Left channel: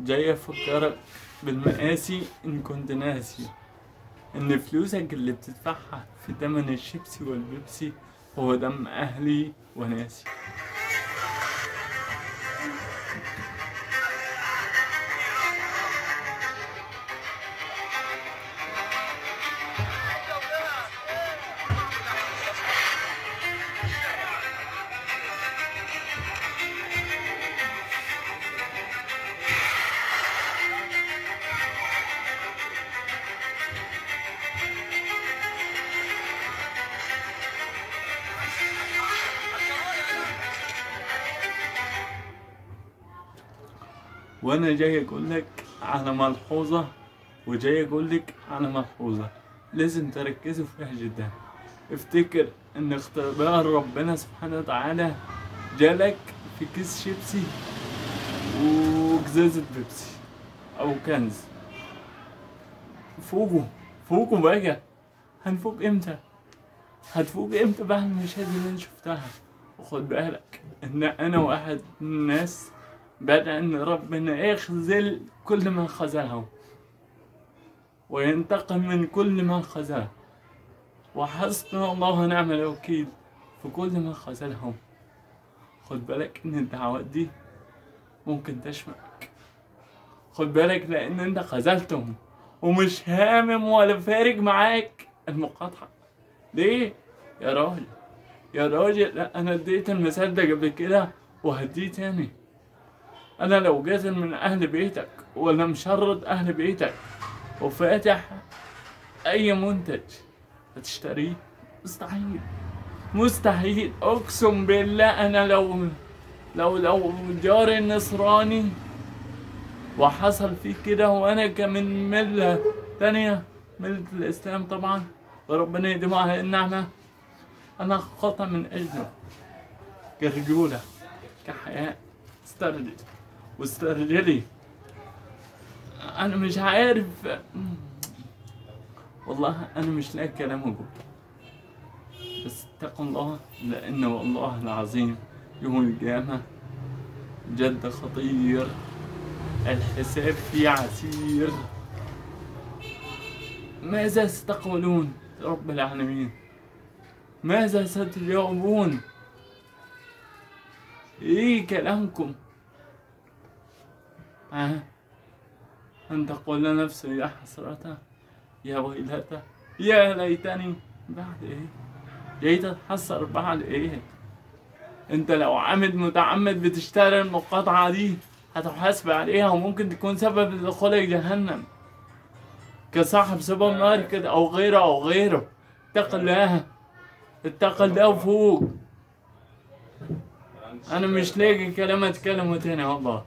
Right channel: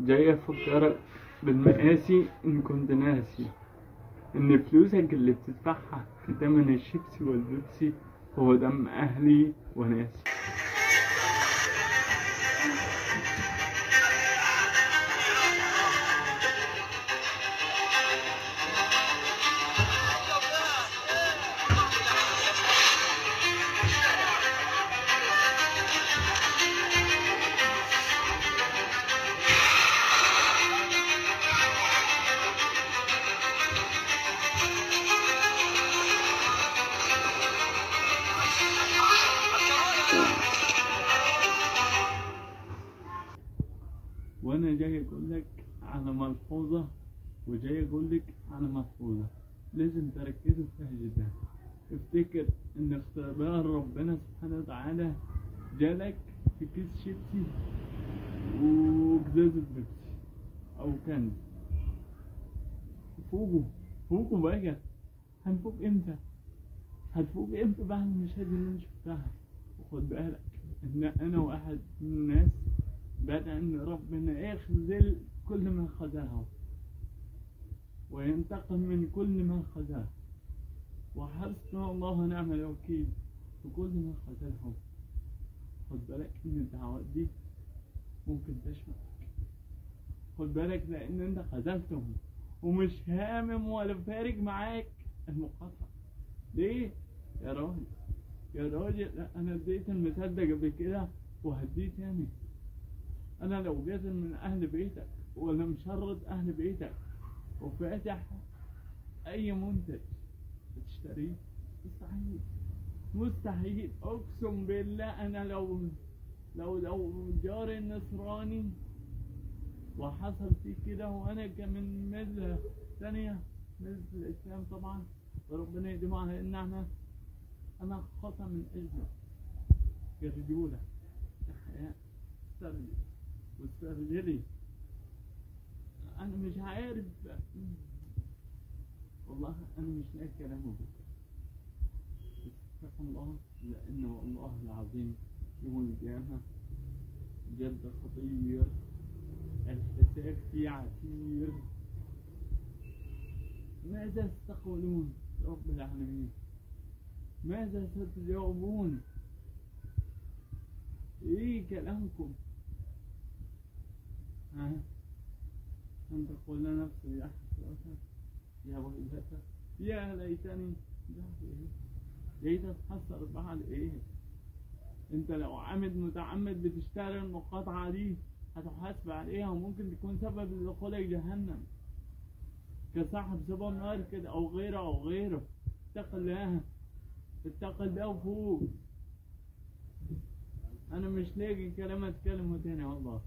جاي أفكرك بالمقاسي إن كنت ناسي إن فلوسك اللي بتدفعها في تمن الشيبسي والبيبسي هو دم أهلي وناسي. وانا جاي اقولك على ملحوظة، وجاي اقولك على ملحوظة لازم تركزوا فيها جدا. افتكر ان اختبار ربنا سبحانه وتعالى جالك في كيس شيبسي وقزازة بيبسي او كنز. فوقوا فوقوا بقى. هنفوق امتى؟ هتفوق امتى بعد المشاهد اللي انا شفتها؟ وخد بالك ان انا واحد من الناس بدأ ان ربنا يخذل كل من خذلهم وينتقم من كل من خذله، وحسبنا الله ونعم الوكيل في كل من خذلهم. خد بالك ان الدعوات دي ممكن تشملك. خد بالك لان انت خذلتهم ومش هامم ولا فارق معاك المقاطعة. ليه؟ يا راجل يا راجل، لا انا اديت المثال ده قبل كده وهديه تاني. انا لو جيت من اهل بيتك ولا مشرد اهل بيتك وفاتح اي منتج هتشتريه؟ مستحيل مستحيل. اقسم بالله انا لو جاري النصراني وحصل فيه كده وانا كمن ملة تانية، ملة الاسلام طبعا وربنا يديمه على النعمة، انا خطأ من اجله كرجولة كحياة واسترجلي. انا مش عارف والله، انا مش لاقي كلام اقول، بس اتقوا الله لان والله العظيم يوم القيامة جد خطير، الحساب فيه عسير. ماذا ستقولون رب العالمين؟ ماذا ستجاوبون؟ ايه كلامكم؟ أن تقول نفسي يا حسرة يا ويلتى يا ليتني بعد ايه؟ جاي تتحسر بعد ايه؟ انت لو عامد متعمد بتشتري المقاطعة دي هتحاسب عليها وممكن تكون سبب لدخولك جهنم كصاحب سوبر ماركت او غيره. اتق الله اتق الله وفوق. انا مش لاقي كلام اتكلمه تاني والله.